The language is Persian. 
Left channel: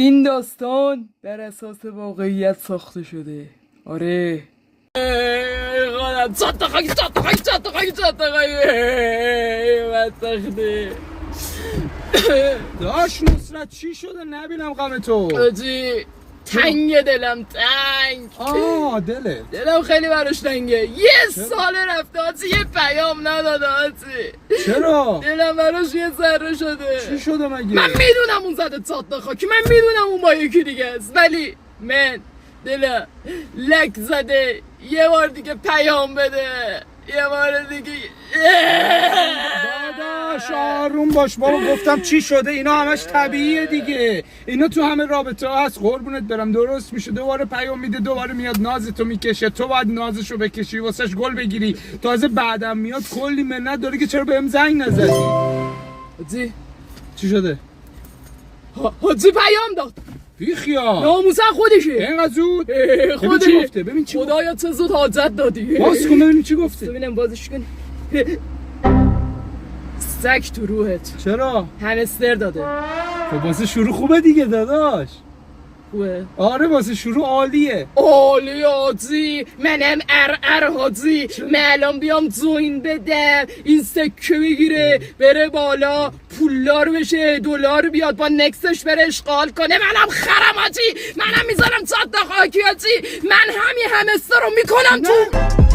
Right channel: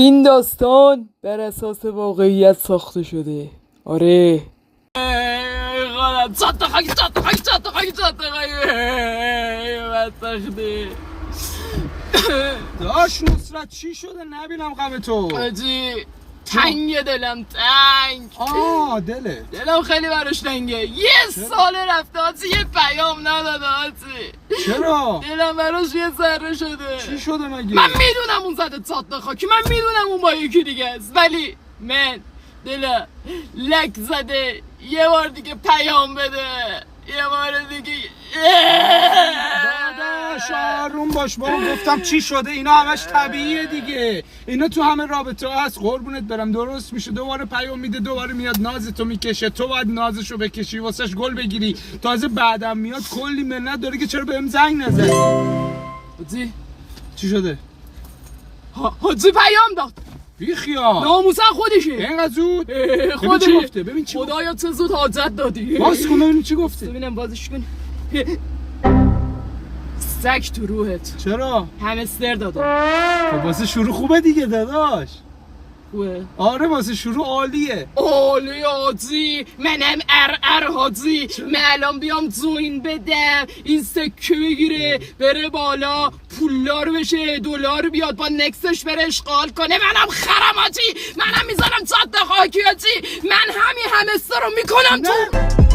این داستان بر اساس واقعیت ساخته شده. آره خودم چند تا خاکی داش نصرت چی شده؟ نبینم غم تو. آجی تنگ دلم دلم خیلی براش تنگه. یه سال رفته آجی، یه پیام نداده آجی. چرا؟ دلم براش یه ذره شده. چی شده مگه؟ من میدونم اون زده چند خاکی، من میدونم اون با یکی دیگه است، ولی من دلم لک زده. یه بار دیگه پیام بده، یه بار دیگه. داداش آروم باش بابا. گفتم چی شده؟ اینا همش طبیعیه دیگه، اینا تو همه رابطه هست. قربونت برم درست میشه. دوباره پیام میده، دوباره میاد نازتو میکشه. تو باید نازشو بکشی، واسش گل بگیری. تازه بعدم میاد کلی منت داره که چرا بهم زنگ نزدی. حاجی چی شده؟ حاجی پیام داد. بی خیال ناموسن خودشه. اینقدر زود؟ خودش چی گفته؟ ببین چی گفته؟ خدایا چه زود حاجت دادی. باز کن ببینیم چی گفته. ببینم بازش کن. سگ تو روحت. چرا؟ همستر داده. خب واسه شروع خوبه دیگه داداش. خوبه؟ آره واسه شروع عالیه. عالی حاجی. منم حاجی. من الان بیام جوین بدم، این سکه بگیره بره بالا، پولدار بشه، دلار بیاد، با نکسش بره اشغال کنه. منم خرم حاجی. منم میذارم 100 تا خاکی حاجی. من همین همستر رو میکنم تو.